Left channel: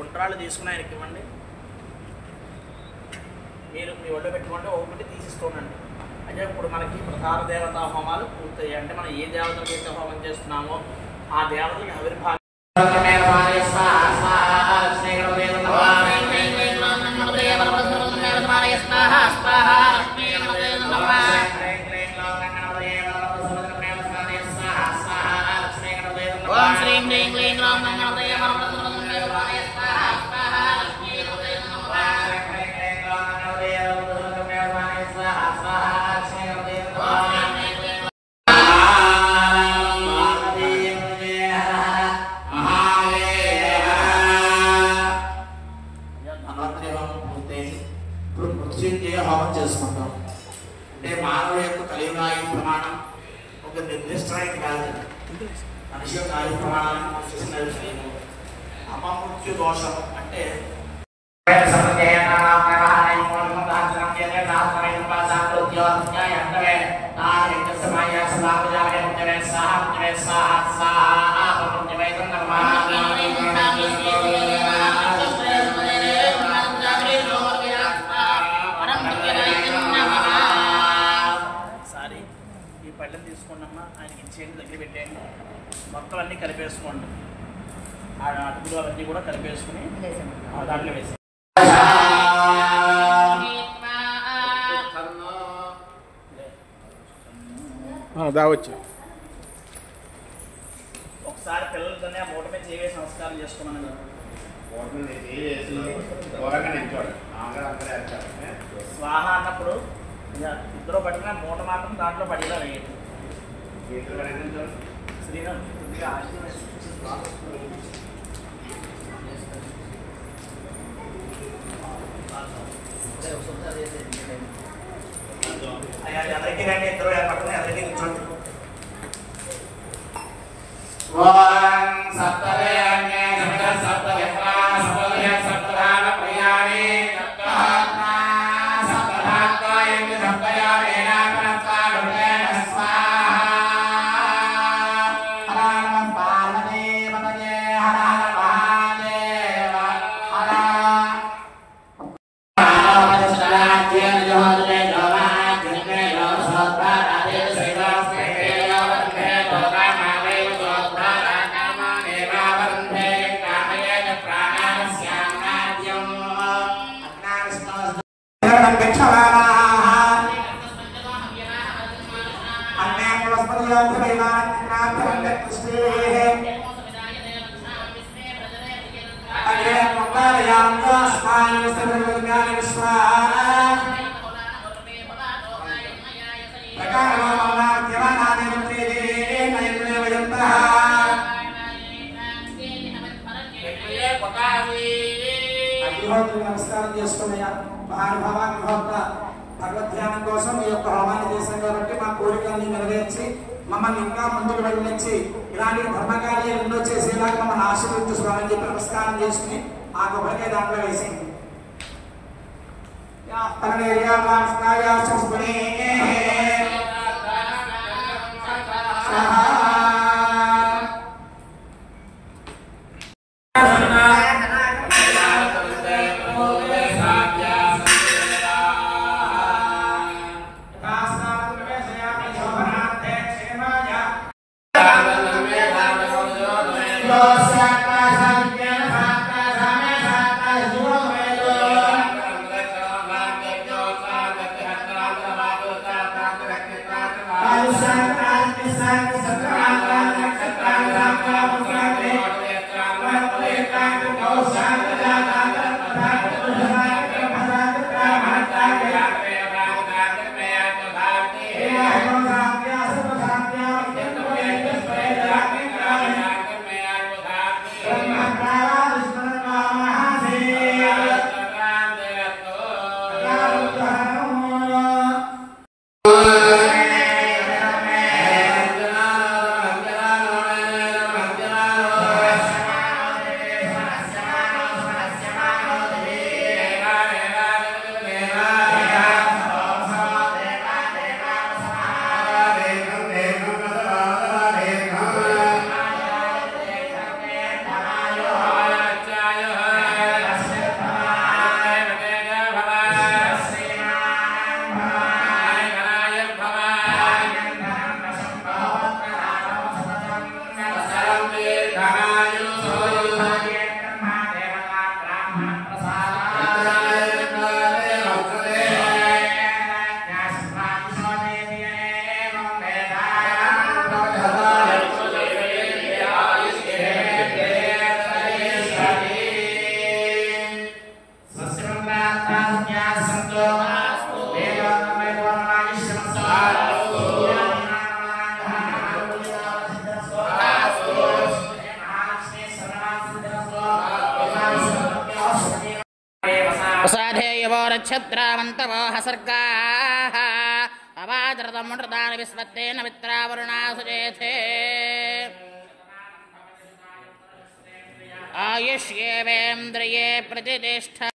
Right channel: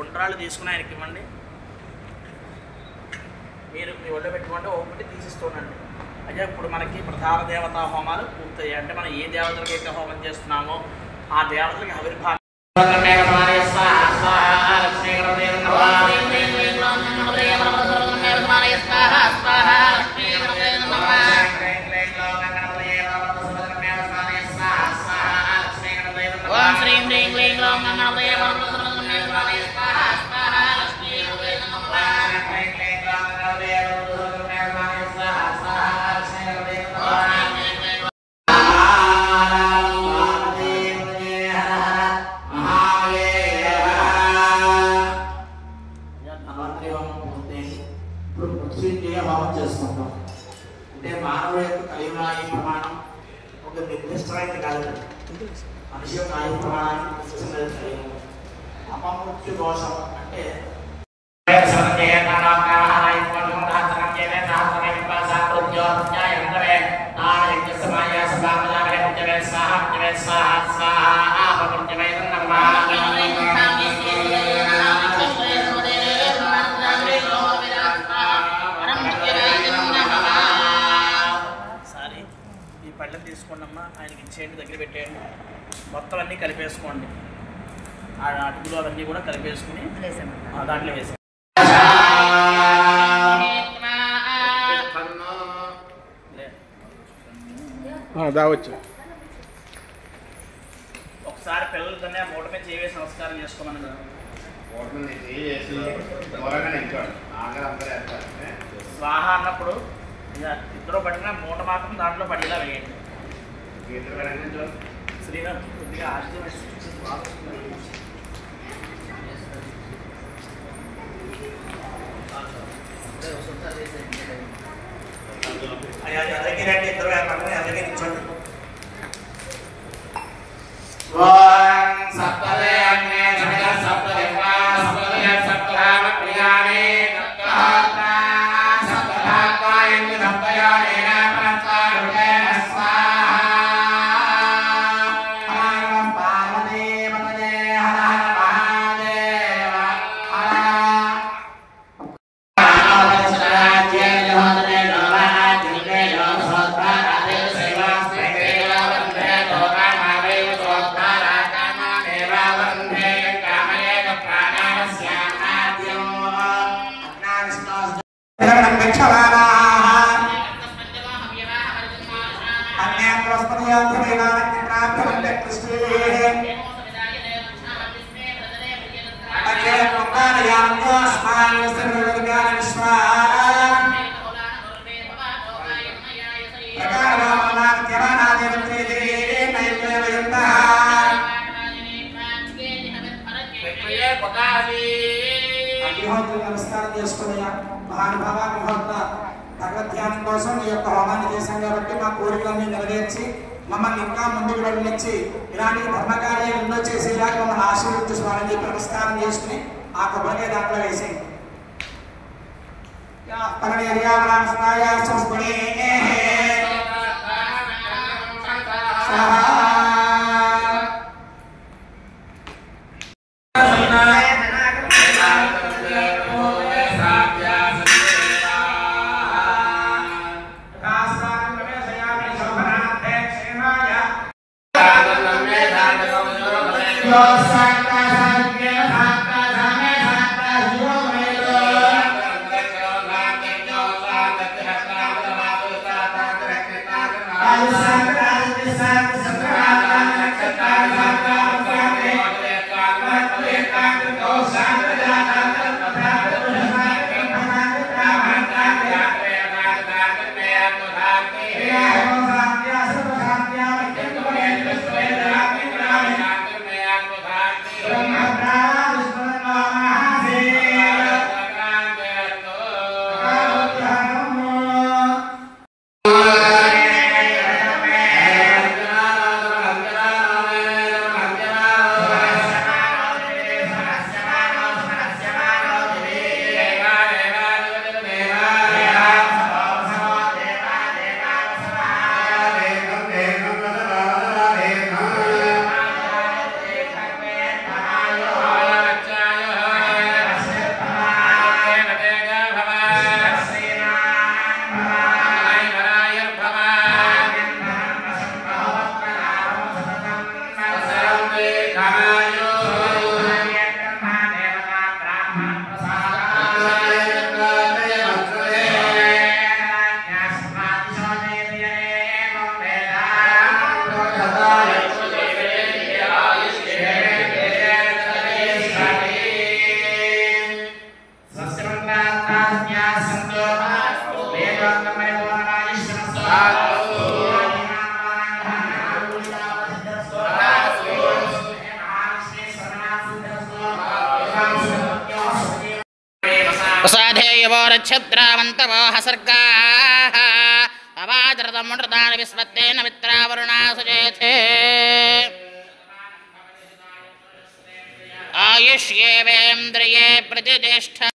ఉండ్రాళ్ళు తీసుకుని ఆయనకి ఇవ్వండి. మీరు మీ ఒళ్ళో పెట్టుకోండి, ఒకటి తీసిస్తూనండి. అయితే ఇప్పుడు మనకి ప్రధాన దేవతా హోమాలు పూర్తయ్యాయి. అంటే మనం ఏ దేవతలకు అయితే హోమం చేస్తున్నామో ఆ దేవతలకు ఆవిర్భావం చేసుకుంటాం. అంటే మానవ యొక్క కలియుగ ఆయు ప్రమాణం ఒక నిర్దిష్టమైనది కాదు. మనిషి యొక్క ఆయు ప్రమాణాన్ని అపమృత్యు దోషం అంటే పళ్ళం తీసుకోండమ్మా, ఆయనకి ఇచ్చేయండి, దగ్గర పెట్టేయండి. మొత్తం అన్నీ కలిపేసుకోండి. ఆ అటుకులు అవన్నీ కూడా కలిపేసుకుని దాంట్లో వేసి దావచ్చు. ఒకసారి పిల్లలతోనే ఆ మూట మీద చేసి నమస్కారం చేసుకోమని స్వాహ అన్నప్పుడు ఇద్దరు పడిన మూట మాత్రం దాంట్లో పడేలా వేయండి. శ్రీరామ్ అందరికీ రండి, ఇద్దరు పక్కన అందరికీ నిల్చోండి. Satra నమస్కారం చేసుకున్నాయా మహానుభావ మహోత్త భగవద్ ధ్యానం కోసం ఈ యొక్క హోమాన్ని చేశాం కాబట్టి మా కోరికలన్నీ నెరవేర్చి మమ్మల్ని ఇంకా ముందుకు వెళ్ళనిచ్చి ఇలాంటి ధర్మకార్యాలు ఎన్నో చేసేలాగా మమ్మల్ని ఆశీర్వదించుకోవాలని చెప్పి నమస్కారం చేసుకుని ఆ కొబ్బరికాయ దాంట్లో వేసేయండి. छत्रावन्तवो हसर्गाः अवादृतमुनृतानि विस्वत्तेन मित्रावरुणा सुजेथे आयुष्येवेन्द्रिये प्रतिष्ठा